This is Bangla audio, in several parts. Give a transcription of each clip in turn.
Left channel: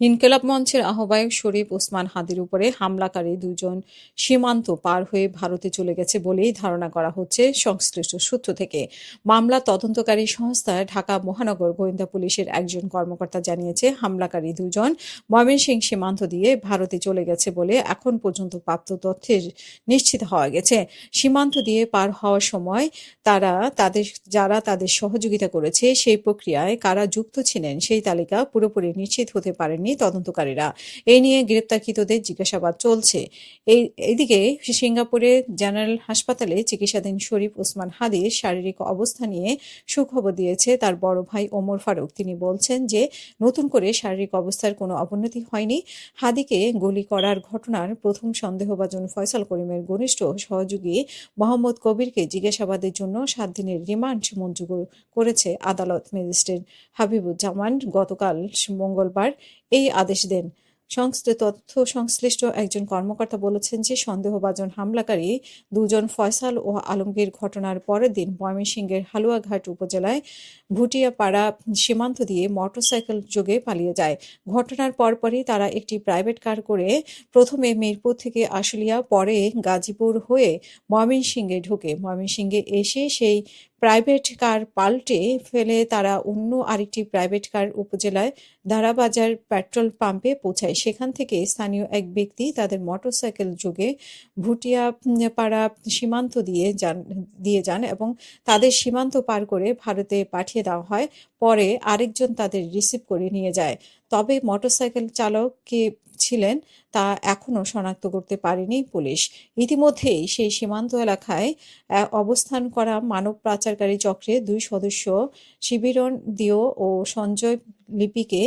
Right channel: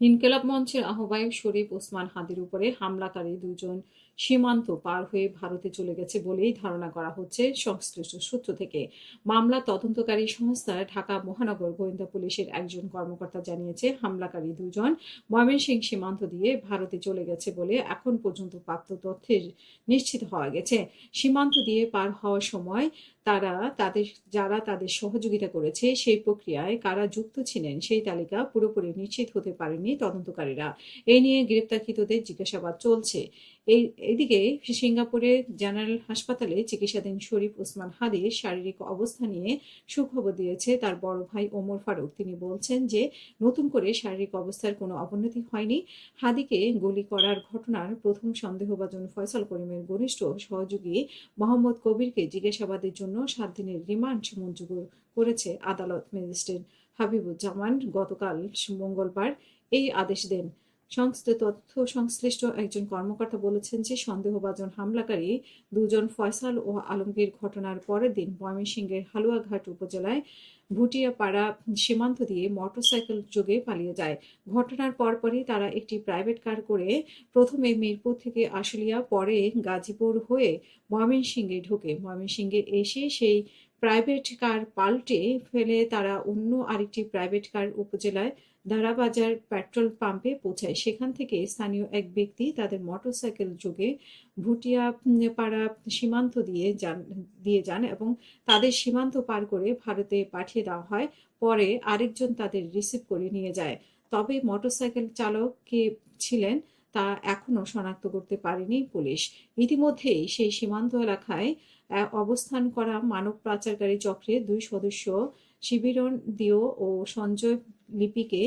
ইনকিলাব মঞ্চের আহ্বায়ক শরীফ ওসমান হাদির উপরে হামলাকারী দুজন সীমান্ত পার হয়ে ভারতে চলে গেছে বলেই ধারণা করা হচ্ছে সংশ্লিষ্ট সূত্র থেকে। মামলা তদন্তকারী সংস্থা ঢাকা মহানগর গোয়েন্দা পুলিশের একজন কর্মকর্তা জানিয়েছে, হামলাকারী দুজন ময়মনসিংহ সীমান্ত দিয়ে ভারতে চলে গেছে বলে এখন পর্যন্ত প্রাপ্ত তথ্যের নিশ্চিত হওয়া গেছে। সীমান্ত দিয়ে পার হওয়ার সময় তারা তাদের যারা তাদের সহযোগিতা করেছে সেই প্রক্রিয়ায় কারা যুক্ত ছিলেন সেই তালিকা পুরোপুরি নিশ্চিত হতে পারেননি তদন্তকারীরা। এই নিয়ে গ্রেপ্তারকৃতদের জিজ্ঞাসাবাদ চলছে। এইদিকে সিঙ্গাপুরে জেনারেল হাসপাতালে চিকিৎসাধীন শরীফ ওসমান হাদির শারীরিক অবস্থা নিয়ে সুখবর দিয়েছে তার বড় ভাই ওমর ফারুক। তিনি বলছেন যে নতুন করে শারীরিক অবস্থার কোনো অবনতি হয়নি। হাদিকে গুলি করার ঘটনার প্রথম সন্দেহভাজন ফয়সাল করিমের ঘনিষ্ঠ সহযোগী মোহাম্মদ কবিরকে জিজ্ঞাসাবাদের জন্য ৭ দিনের রিমান্ড মঞ্জুর করেছে আদালত। ম্যাজিস্ট্রেট হাবিবুজ্জামান গতকাল মঙ্গলবার এই আদেশ দেন। সংশ্লিষ্ট একজন কর্মকর্তা বলেছেন যে সন্দেহভাজন হামলাকারী দুজন ফয়সাল ও আলমগীর ঘটনার পরের দিন ময়মনসিংহের হালুয়াঘাট উপজেলায় ভুটিয়াপাড়া সীমান্ত দিয়ে মোটরসাইকেল যোগে পালিয়ে যায়। ঘটনার পরপরই তারা একটি প্রাইভেট কার করে প্রথমে মিরপুর থেকে আশুলিয়া, পরে গাজীপুর হয়ে ময়মনসিংহে ঢোকে। ময়মনসিংহে এসে সেই প্রাইভেট কার পাল্টে ফেলে তারা অন্য আরেকটি প্রাইভেট কার উপজেলায় দারাবাজার পেট্রোল পাম্পে পৌঁছায়। সেখান থেকে স্থানীয় এক ব্যক্তি তাদের মোটরসাইকেল যোগে ভুটিয়াপাড়া সীমান্ত দিয়ে যান এবং তাদের সীমান্ত পার করে ভারতে পাঠিয়ে দেওয়া হয়। পরে আরেকজন তাদের রিসিভ করে নিয়ে যায়। তবে মোটরসাইকেল চালক কে ছিলেন তা এখনো শনাক্ত করতে পারেনি পুলিশ। ইতিমধ্যেই সেই সীমান্ত এলাকায় অবস্থান করা মানব পাচারকারী চক্রের ২ সদস্য শিবিরন দিও ও সঞ্জয় লিপিকে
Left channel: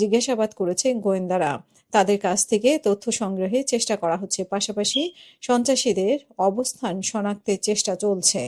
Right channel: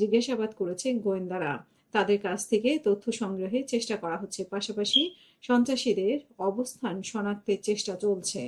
জিজ্ঞাসাবাদ করেছে গোয়েন্দারা। তাদের কাছ থেকে তথ্য সংগ্রহের চেষ্টা করা হচ্ছে, পাশাপাশি সন্ত্রাসীদের অবস্থান শনাক্তের চেষ্টা চলছে।